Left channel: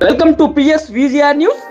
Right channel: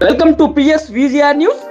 Welcome to PS VGR News.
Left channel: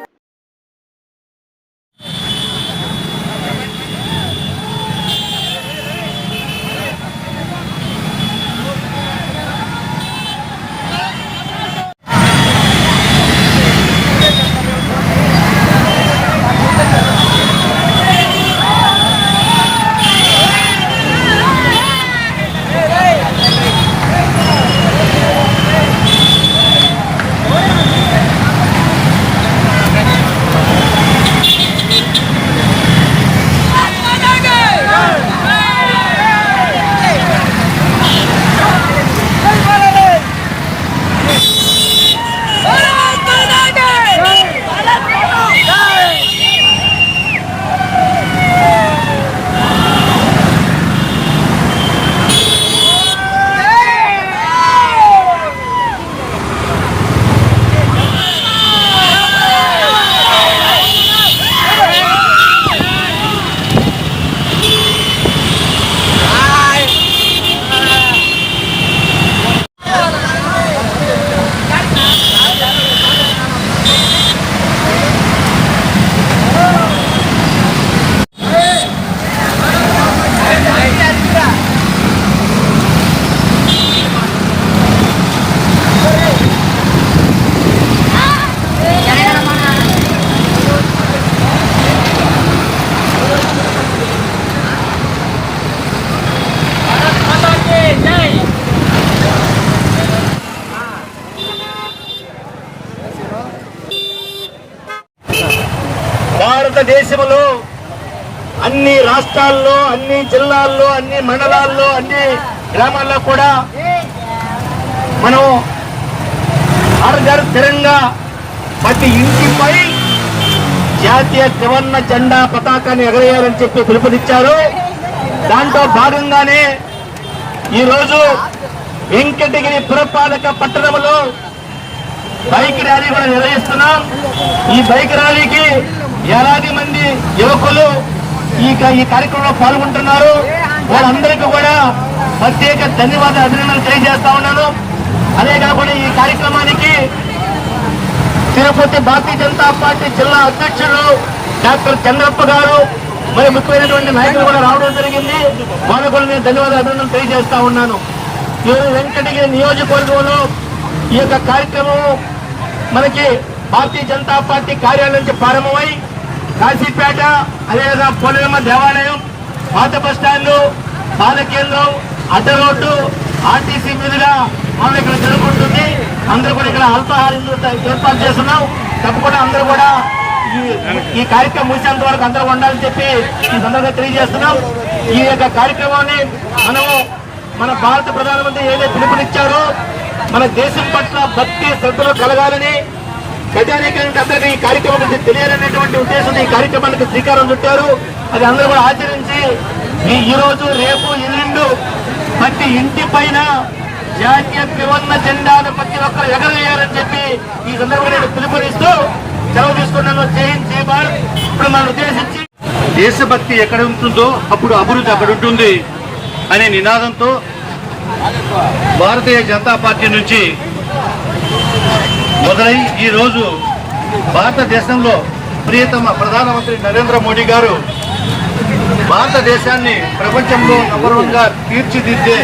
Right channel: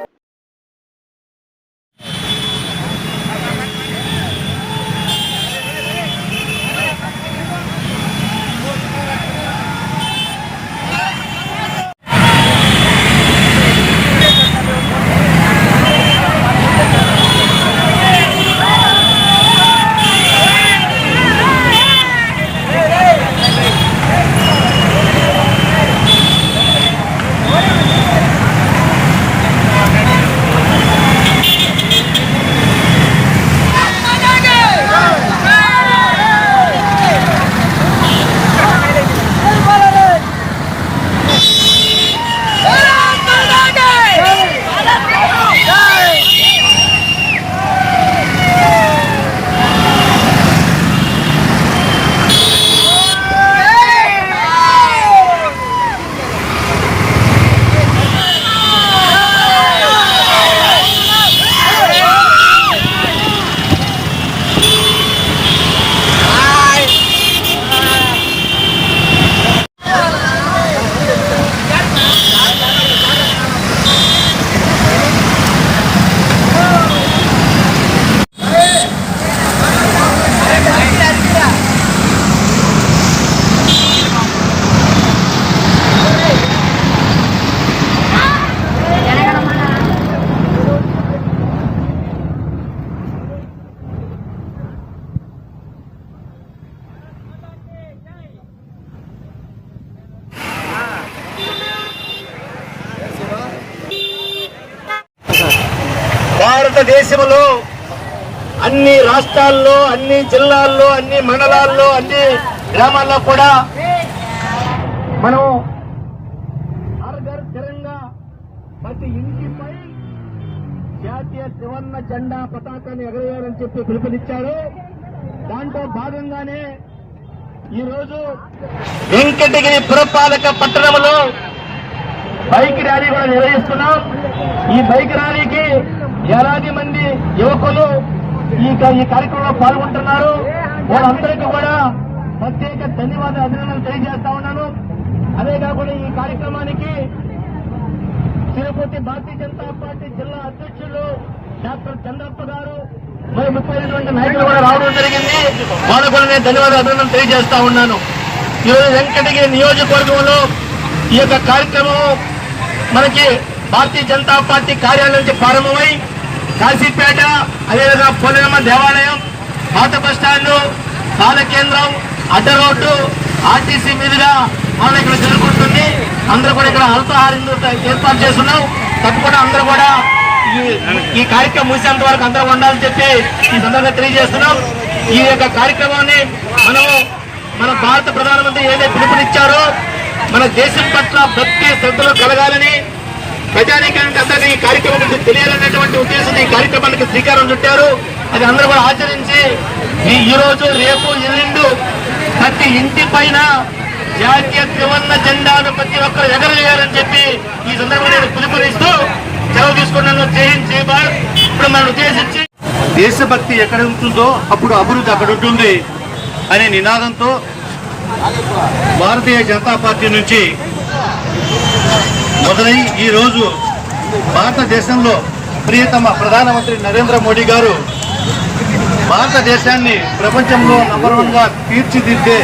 భారతదేశంలో అన్ని రాష్ట్రాల్లో అన్ని జిల్లాల్లో అన్ని మండలాల్లో అన్ని గ్రామాల్లో కూడా మనం ఆర్గర్ తిరంగా ప్రతి ఇంటిపై జాతీయ త్రివర్ణ జెండా పతాకాన్ని ఎగరేయాలని చెప్పి పిలుపునిచ్చారు. దాంట్లో భాగంగానే ఈరోజు వెంకటగిరి పురపాలక పట్టణంలో బైక్ ర్యాలీ కూడా నిర్వహిస్తున్నాం. ఈ బైక్ ర్యాలీకి వేలాది మంది యువకులు ఈ క- ఈ కార్యక్రమంలో పాల్గొంటున్నారు. వాళ్ళందరికీ కూడా ప్రత్యేక ధన్యవాద అభినందనలు తెలియజేస్తా ఉన్నాను. అదే కాకుండా ఈ కార్యక్రమానికి తిరుపతి భారతీయ జనతా పార్టీ జిల్లా అధ్యక్షులు డాక్టర్ చంద్రప్ప గారు మరి ముఖ్యమైనటువంటి నాయకులు కూడా రావడం జరిగింది. వాళ్ళకు కూడా నేను ధన్యవాద అభినందనలు తెలియజేస్తా ఉన్నాను. ఈరోజు వెంకటగిరి నియోజకవర్గంలో ఈ యొక్క కార్యక్రమం మనకి భారతీయ జనతా పార్టీ కార్యాలయం నుంచి ప్రారంభమై కాశీపేట అదేవిధంగా పోలేరమ్మ దేవాలయం పాత బస్ స్టాండ్ పాల కేంద్రం అడ్డ రోడ్డు ఆర్టీసీ మీదుగా మనం ఇక్కడ జరుగుతుంది అందరూ కూడా ఇక్కడ అల్పాహారం ఏర్పాటు చేస్తున్నాం. తప్పకుండా అందరూ కూడా ఈ- ఈ కార్యక్రమం ముగిసేంత వరకు అందరూ ఉండాలని చెప్పి ఈ సందర్భంగా తెలియజేస్తున్నాం. ఈ యొక్క కార్యక్రమాన్ని మనము మన భారత ప్రధానమంత్రి ఏదైతే పిలుపునిచ్చారో మన దేశం పట్ల భక్తి శ్రద్ధలు కలగాలని ప్రజానీకానికి అందరికీ ఈ కార్యక్రమం గురించి తెలియాలనేటువంటి ఉద్దేశంతో ఈ కార్యక్రమానికి శ్రీకారం చుట్టారు. అది అందరూ కూడా ఆచరించి ఈ- రోజు రేపు ఎల్లుండు ప్రతి ఇంటి పైన జాతీయ త్రివర్ణ జెండాను ప్రతి ఒక్కరు ఎగరవేయాలని చెప్పి ఈ సందర్భంగా నేను పిలుపునిస్తూ సెలవు తీసుకున్నాను. జై జై భారత్. ఇప్పుడు మనం ఉద్దేశించి దేశభక్తి ఎక్కడ ఉంటుందో అప్పుడు అభివృద్ధి అక్కడ ఉంటుంది అనే నినాదంతో భారతీయ జనతా పార్టీ నుంచి మొదలై ఈరోజు భారతదేశంలో ప్రియతమ ప్రధానమంత్రి నరేంద్ర మోడీ గారు భారతదేశాన్ని ప్రపంచంలో నెంబర్ వన్గా తీర్చిదిద్దే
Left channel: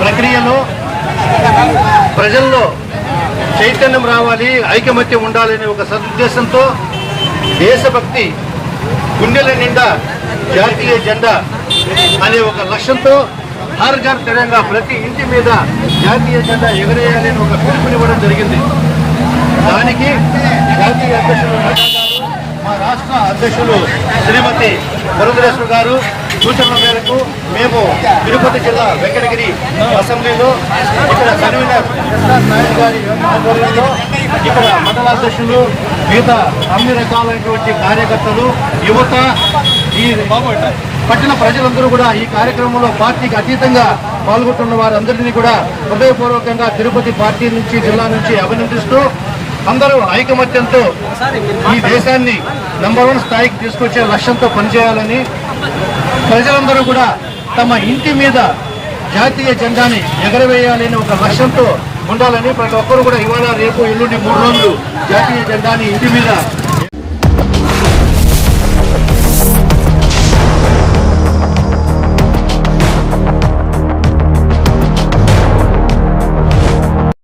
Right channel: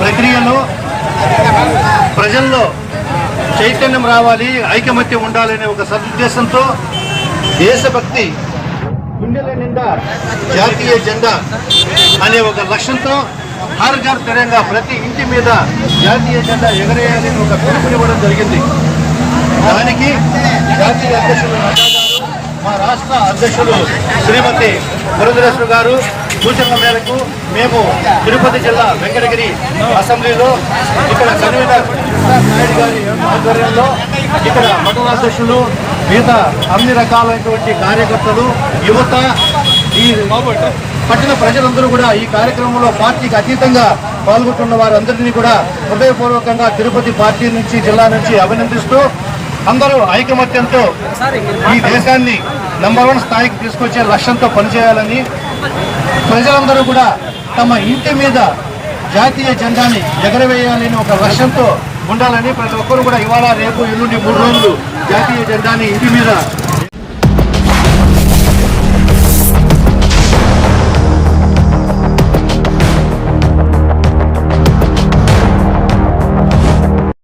ప్రక్రియలో ప్రజల్లో చైతన్యం రావాలి ఐకమత్యం ఉండాలనే ఒక సదుద్దేశంతో దేశభక్తి గుండెల నిండా జాతీయ జెండా అనే ఒక లక్ష్యంతో హర్ ఘర్ ప్రతి ఇంటి మీద జాతీయ జెండా ఎగరేయాలని ఒక పిలుపునివ్వడం జరిగింది. దానికి జాతీయ అధ్యక్షులు మా రాష్ట్ర అధ్యక్షులు శ్రీమతి పురంధరేశ్వర గారు సూచనల మేరకు మేము తిరుపతి జిల్లా వెంకటగిరి అసెంబ్లీలో ఇక్కడ కన్వీనర్ నాయుడు గారి ఆధ్వర్యంలో ఇక్కడ మండలాధ్యక్షులు మిగతా అన్ని రకాలైనటువంటి కార్యకర్తలు యువత ఈ పట్టణ ప్రజలందరూ కూడా ఈ కార్యక్రమంలో పార్టీకి అతీతంగా పాల్గొంటున్న వారందరినీ కూడా హృదయపూర్వకంగా తిరుపతి పార్టీ నుంచి జిల్లా నుంచి అభినందిస్తూ అందరూ ఐకమత్యంతో ఈ దేశాన్ని నంబర్ వన్ స్థాయికి తీసుకొచ్చే లక్ష్యంతో పనిచేయాలని ప్రజలందరూ కూడా తమ ఇంటి మీద జాతీయ జెండాని ఎగరవేయాలని ఒక లక్ష్యంతో ఉండాలని ప్రతి ఒక్కరు కూడా ఇవాళ రేపు ఎల్లుండి మూడు రోజులు జాతీయ జెండాని ఇంటి మీద